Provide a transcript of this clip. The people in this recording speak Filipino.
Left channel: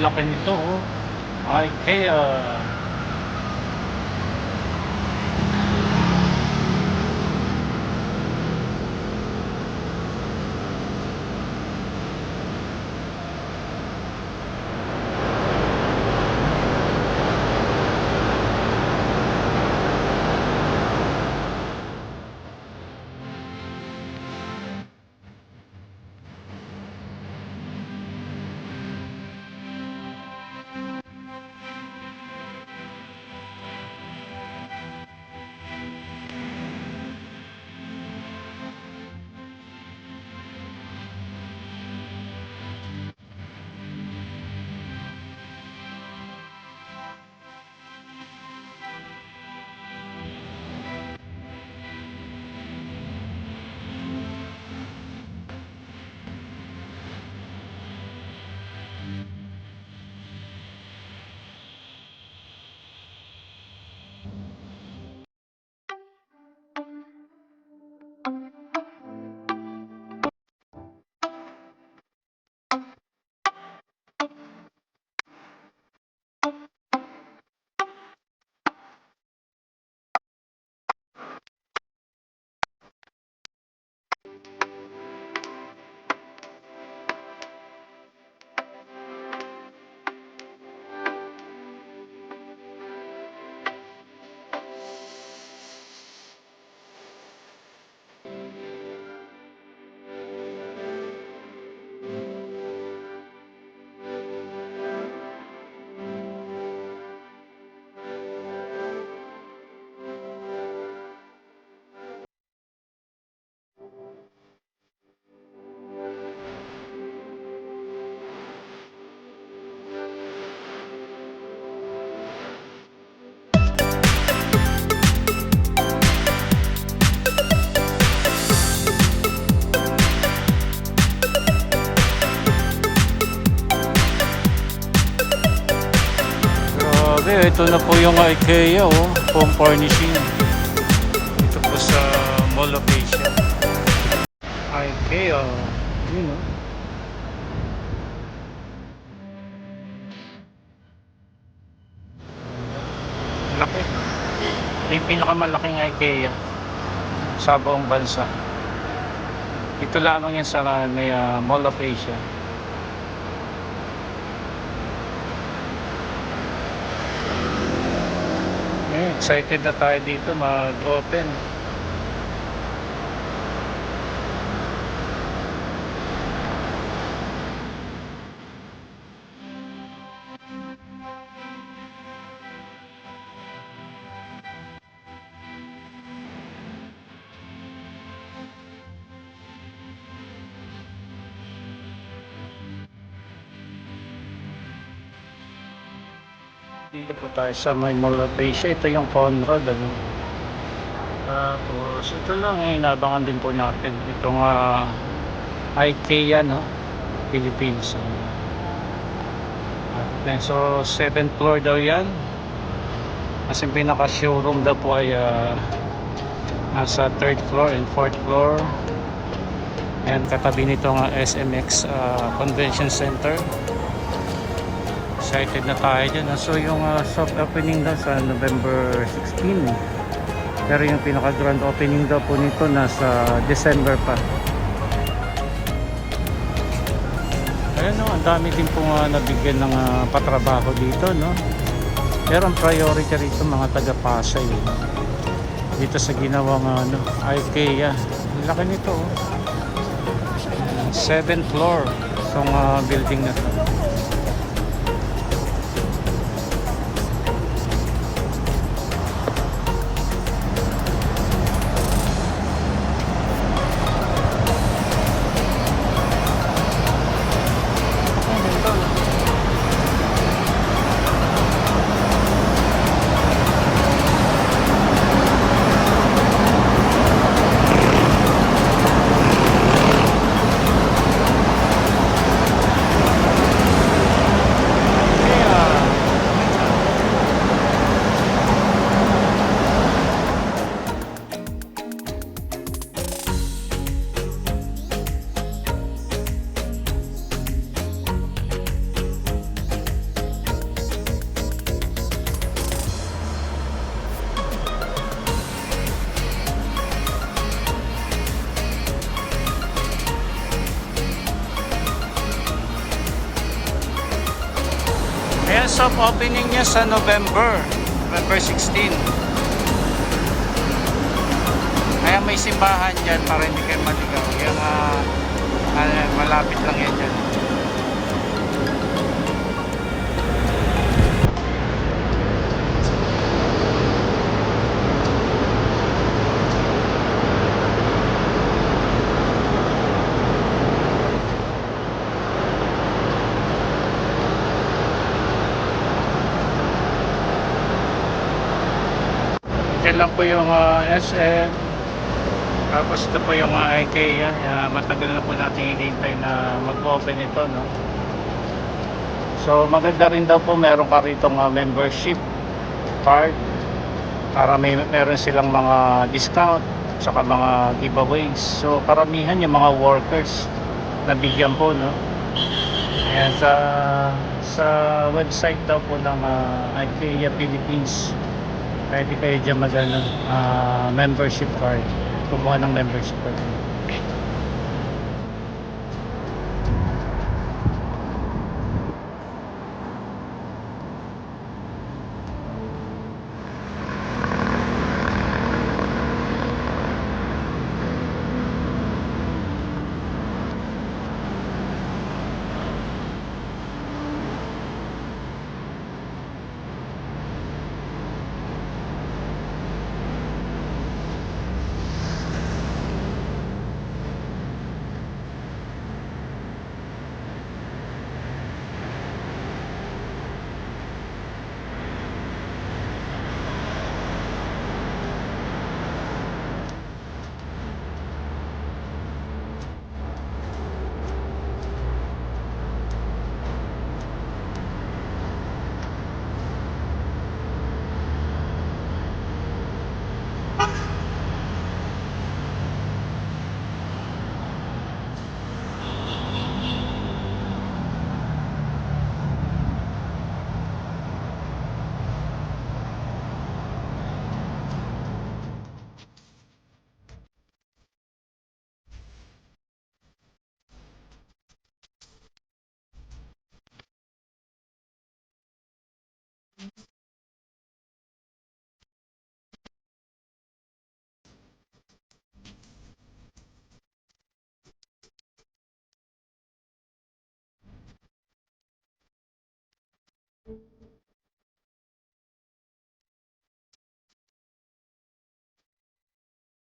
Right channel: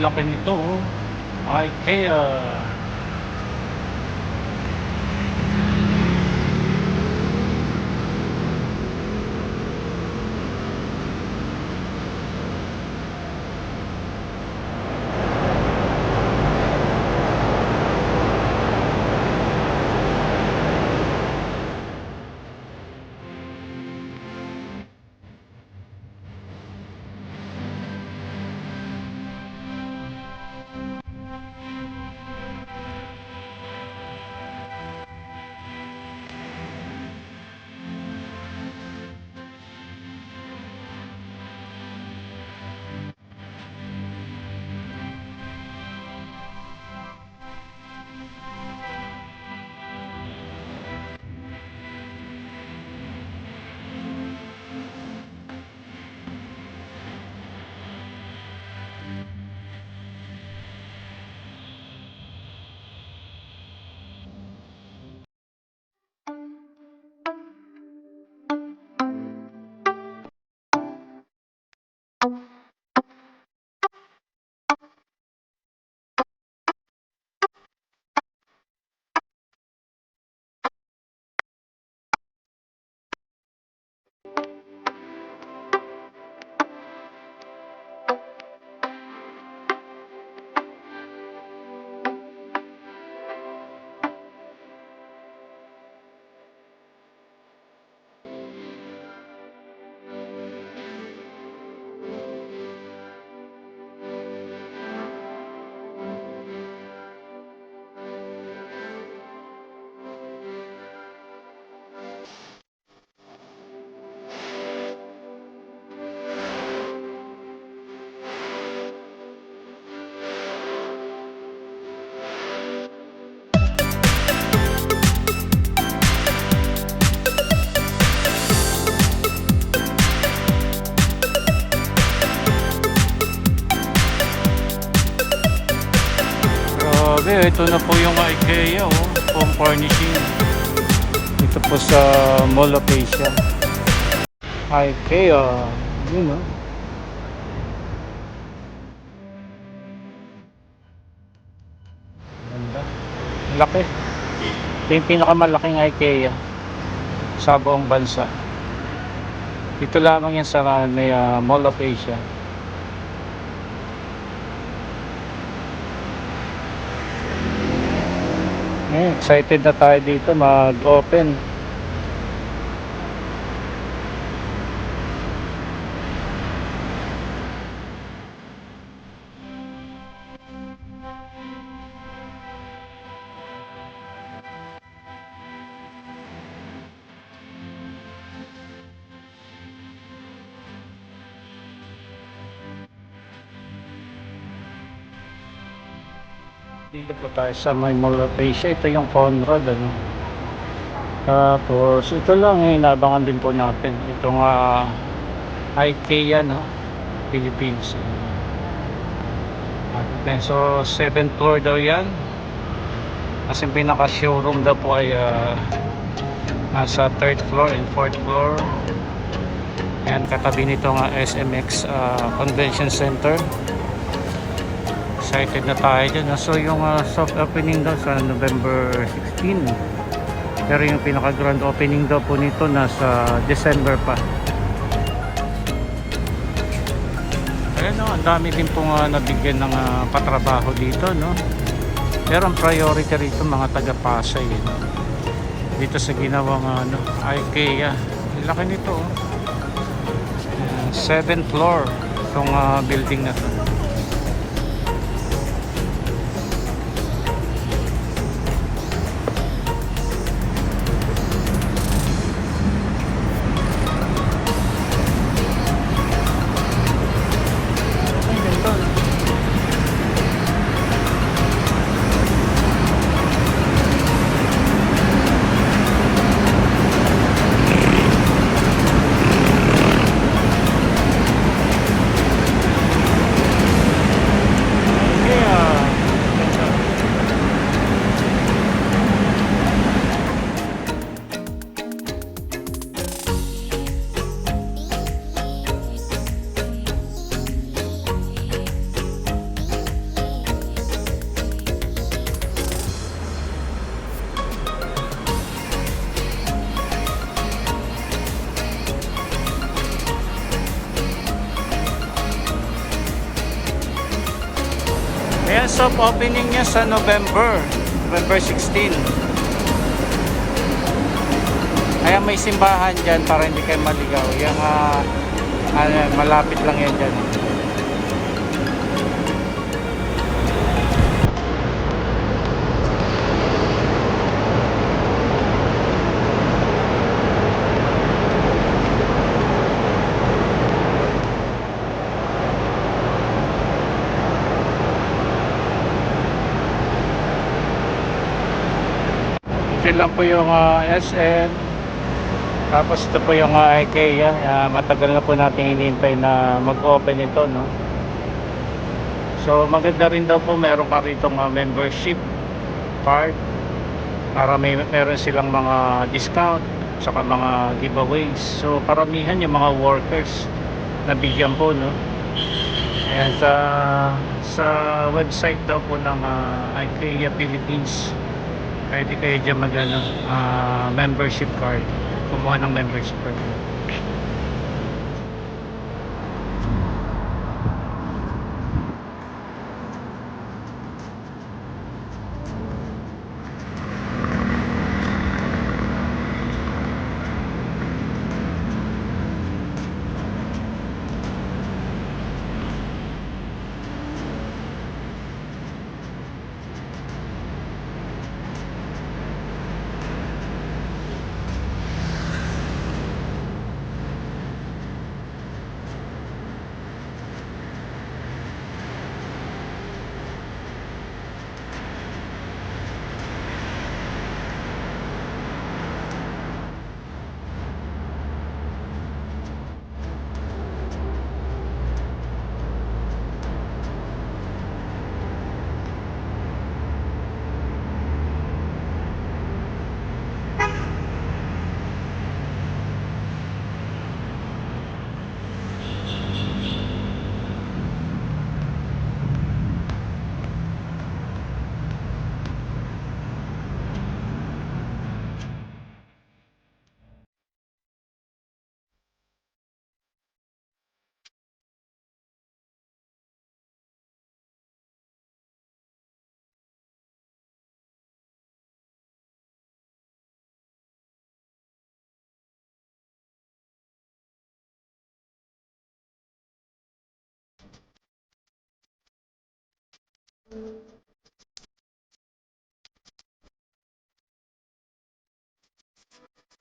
laki nito, oh. IKEA. Grabe, ito na po yung IKEA, oh, home furnishing. Ito po sa Mall of Asia. IKEA, yun, oh. Ganda. Laki. Ito yung pinakamalaking IKEA sa buong bansa. Ito lamang yan sa may Mall of Asia. Excited na tayo dito mag-open. Dito po tayo sa may Mall of Asia. Ito yung Conrad, ano. Tapos ito lang, inabangan din po natin itong IKEA, no, Philippines. So 7th floor daw yan, kasi pinaka showroom daw po ay nasa 3rd floor and 4th floor. And katabi nito nga SMX Convention Center. Excited na tayo dyan. So yung soft opening daw sa November 16, pero yung pinaka grand opening daw po nito nasa December pa. Ayan, no, ang dami din po nabigyan ng patrabaho dito, no. Pero ang priority rito mga taga Pasay, no? Dito sa ginawang IKEA. Laki nito, oh. 7th floor itong building na to. soft opening niya sa November 16. Kaya may simbahan dyan para hindi kayo maligaw. Yung malapit lang yan dyan. Ito lang po yung SM. Tapos ito po yung IKEA. Matagal na po natin hinihintay na mag-open ito, no? So maganda rin daw po meron ka rito membership card para meron silang mga discount saka mga giveaways. So karamihan yung mga workers na bigyan po, no? Ayan, sa website daw po ng IKEA Philippines, pwede kayo dyan membership card, kumuha ng membership card.